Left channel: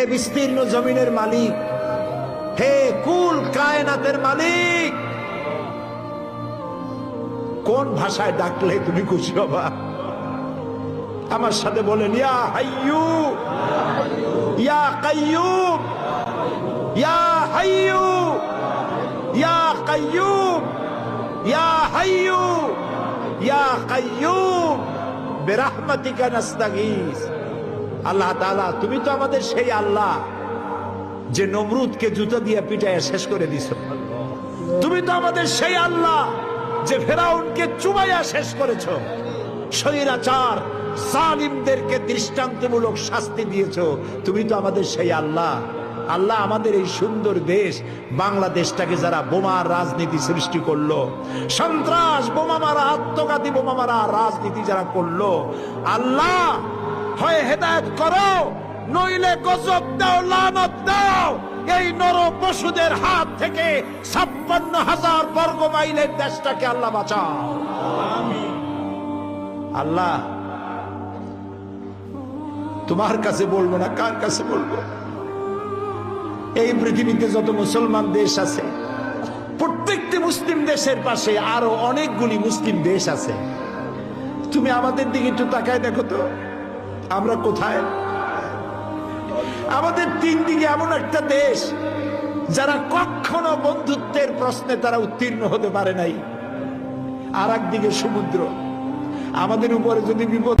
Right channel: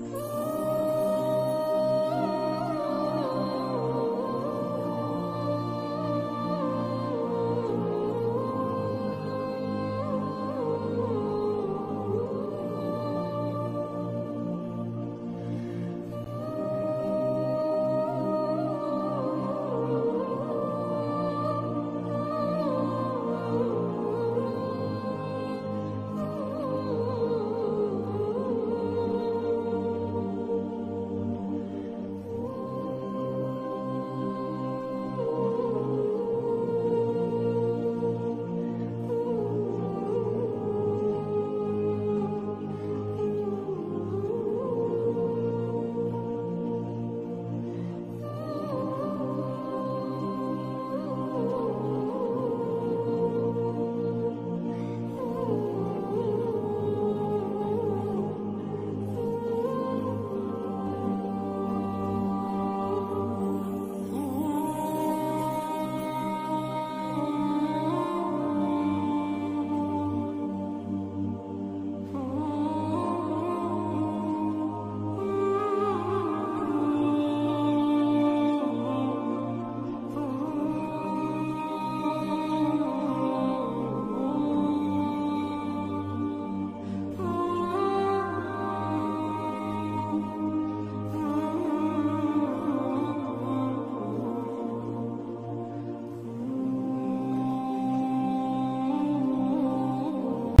হে বিস্তীর্ণ জমিনের মালিক, হে কুল কায়নাতের মালিক, কোন ভাষায় ডাকলে তুমি খুশি হবা? আমার সাথে বলেন, ইয়া হাইয়ু ইয়া কাইয়ুম, ইয়া হাইয়ু ইয়া কাইয়ুম, ইয়া হাইয়ু ইয়া কাইয়ুম বিরহমাতিকা নাস্তাগীস। আল্লাহ তাআলা, তুমি তো আমাদের সেই আল্লাহ যে নমরুদকে জুতা দিয়ে পিটায় শেষ করে দিছো। তুমি তো আমাদের সেই আল্লাহ যে ফেরাউনকে চুবাইয়া শেষ করেছো। স্বৈরাচার জালিমদেরকে দৃষ্টান্তমূলক শাস্তি দিয়েছো। তুমি তো আমাদের সেই আল্লাহ। আল্লাহ, আমাদের এই সুন্দর দেশ বাংলাদেশটাকে যারা বোমার রাজনীতি সৃষ্টি করলো, সন্ত্রাস বোমা মারা, আত্মঘাতী বোমা মারা রাজনীতি যারা করলো, আল্লাহ হয় হেদায়েত করো, নইলে গজব দাও, লানত দাও। এই নর পশুদের হাত থেকে 56,000 বর্গ মাইলের দেশটাকে আল্লাহ বাঁচাও। আল্লাহ, তোমার কাছে বলবো না, কার কাছে বলবো? এই পৃথিবীতে যত মুসলমান দেশ আছে, প্রত্যেকটি মুসলিম দেশের পাশে আরো অনেকগুলি মুসলিম দেশ আছে। তুমি আমাদের দিকে একটু তাকায় দেখো তো, আমরা কোথায়? আমাদের তিন দিকে এমন একটা দেশ যারা কখনো বন্ধুত্বের প্রশ্নে তারা উত্তীর্ণ হতে পারে নাই, আর একদিকে সমুদ্র। আমাদের উপরে যদি বিপদ